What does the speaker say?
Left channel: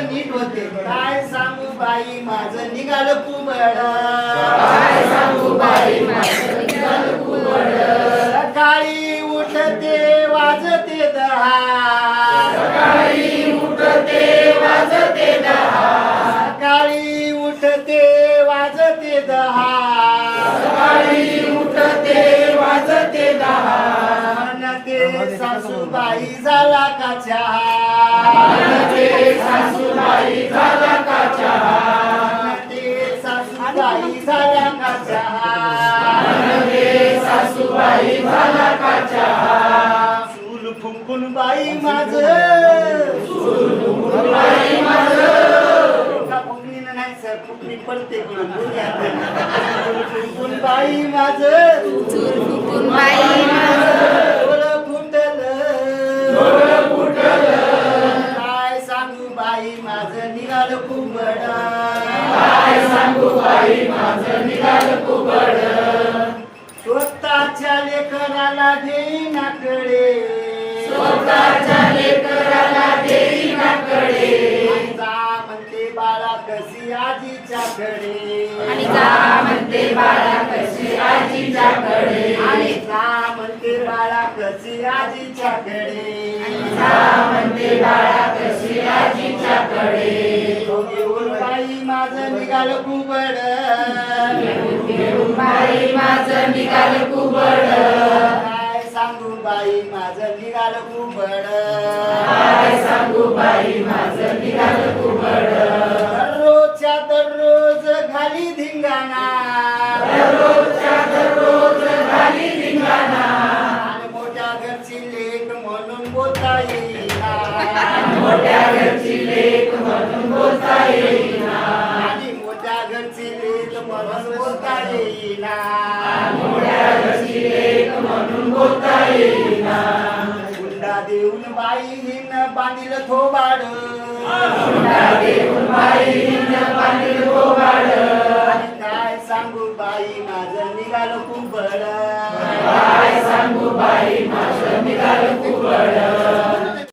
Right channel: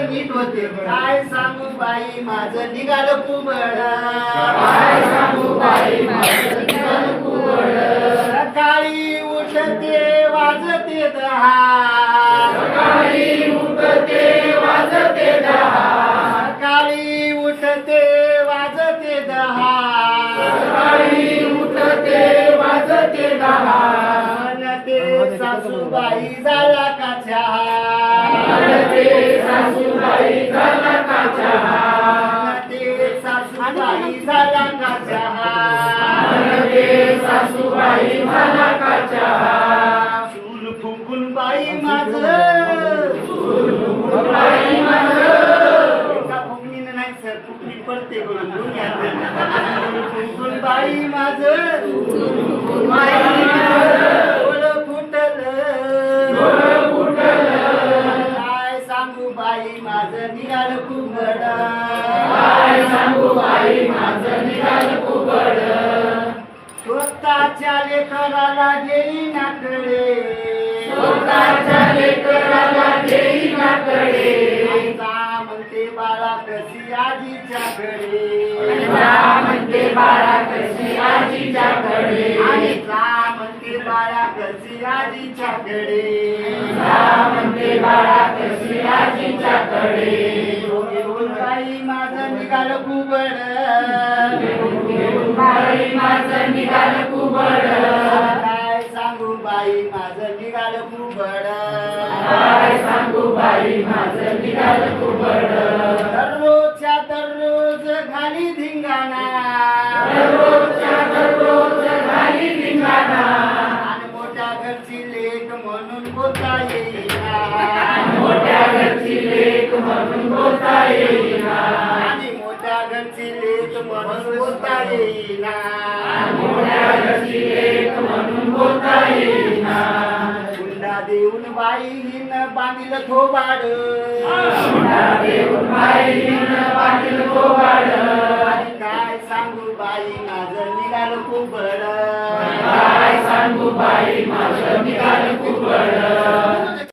माझं नीट होते काय सांगू बाई माझं निघालं कुबड सकाळी उठते वाजते दहा सकाळी उठते वाजते दहा म्हणते सासूबाई झाला का चहा म्हणते सासूबाई झाला का चहा चूल फुंकून बाई माझं फुकणीनं नाही सर फुकणी पडते फुंकून बाई माझं काय सांगू बाई माझं निघालं कुबड स्वतःच्या लेकराला घेईनाकडे म्हणते बाळा कशी आजीच्याकडे म्हणते बाळा कशी आजीच्याकडे बाई माझं निघालं कुबड काय सांगू बाई माझं निघालं कुबड दररोजच्या दररोज घाली धिंगाणा आणि मोठ्या घरची लेक म्हणून बोलता येईना आणि मोठ्या घरची लेक म्हणून बोलता येईना हुंडा देऊन बाईनं बांधिलं थोबाड आणि काय सांगू बाई माझं निघालं कुबड